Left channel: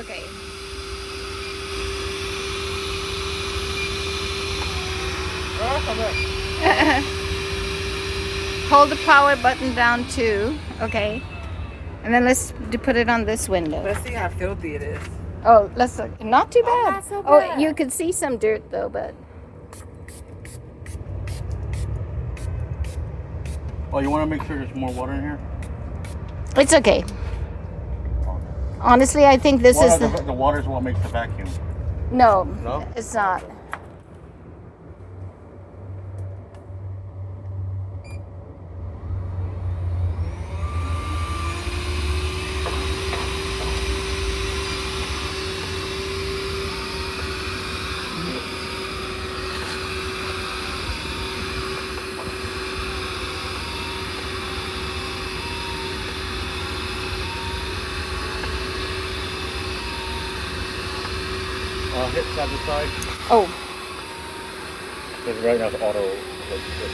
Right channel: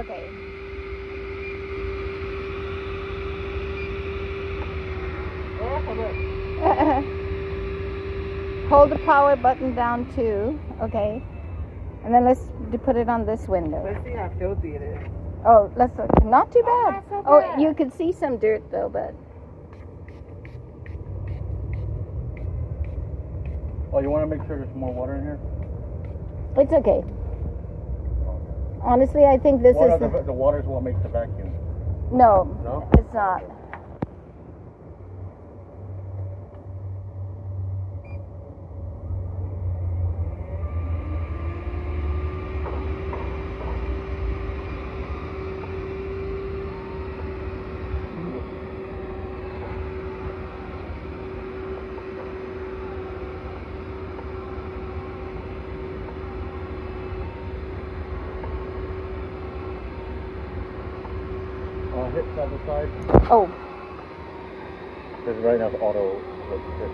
Okay. Hold the power button down too. Okay. And then let's put it on this window. Let's see how filthy it is. Oh, let's look. Not too bad. Not so Oh, bad. you could see some dirt though, but. Oh, you want to make sure there's more water in here? It's okay. Honestly, I think this is the water is what makes the vacuum. No, No? it's not. Hit side to side. Oh, Because right now it's auto. okay.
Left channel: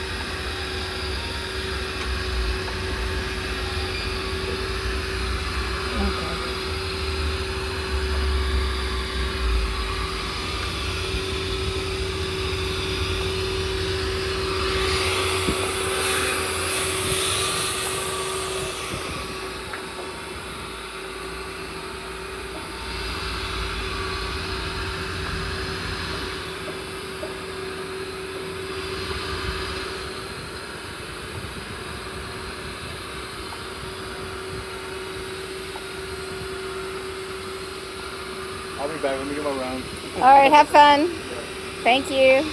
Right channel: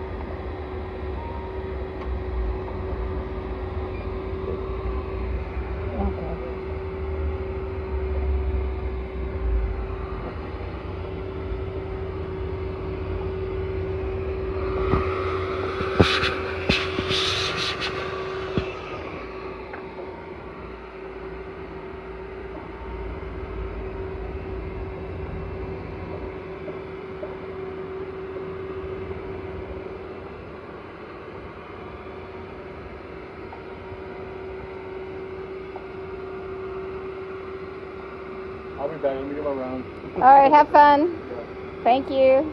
I'll be back. Let me get my round. All right, have fun. Thank you.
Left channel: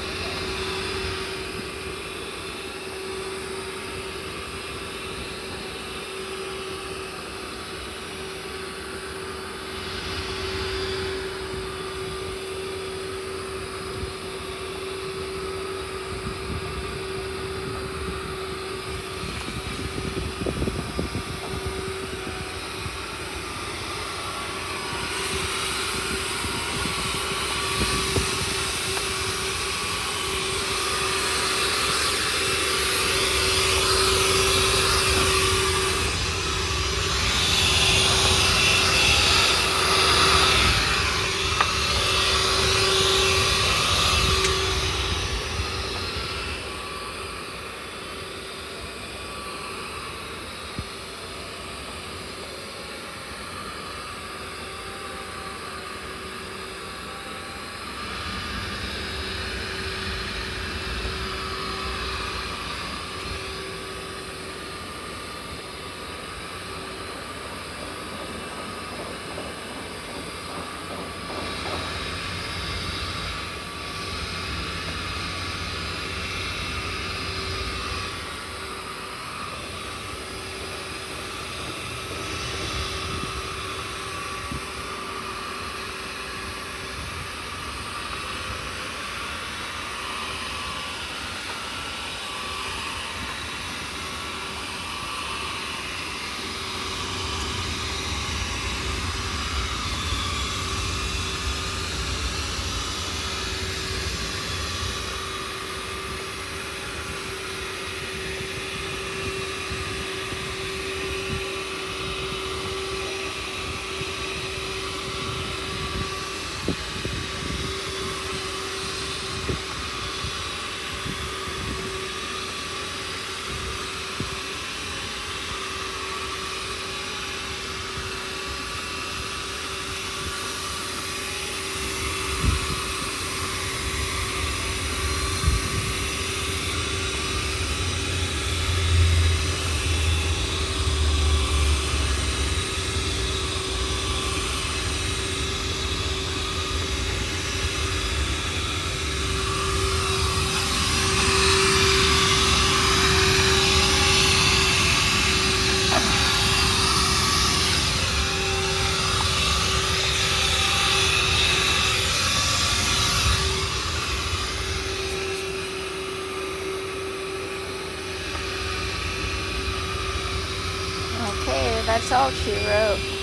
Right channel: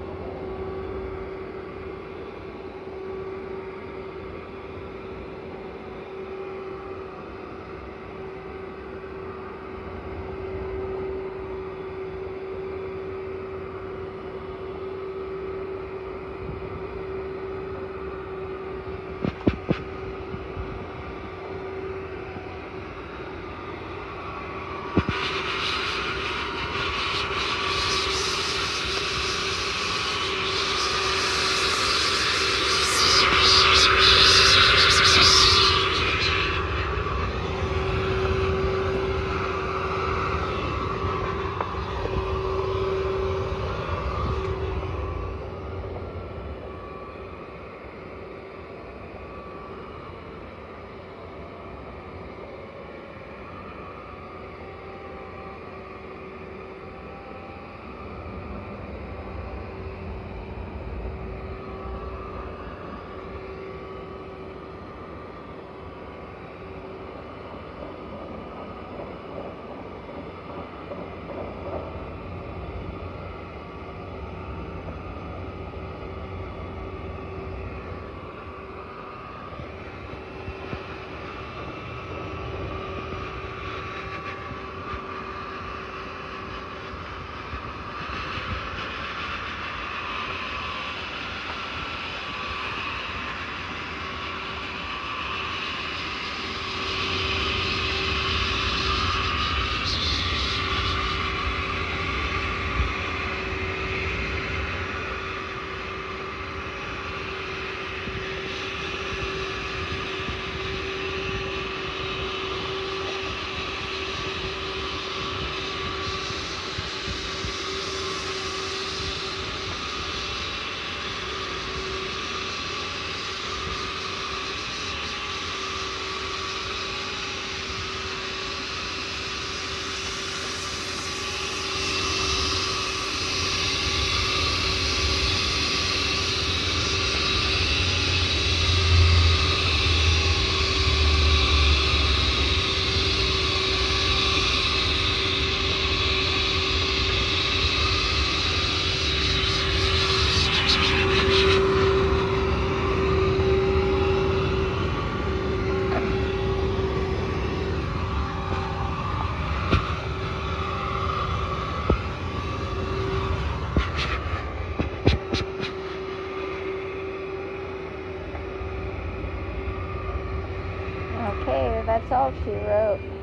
Okay, that's all she wrote.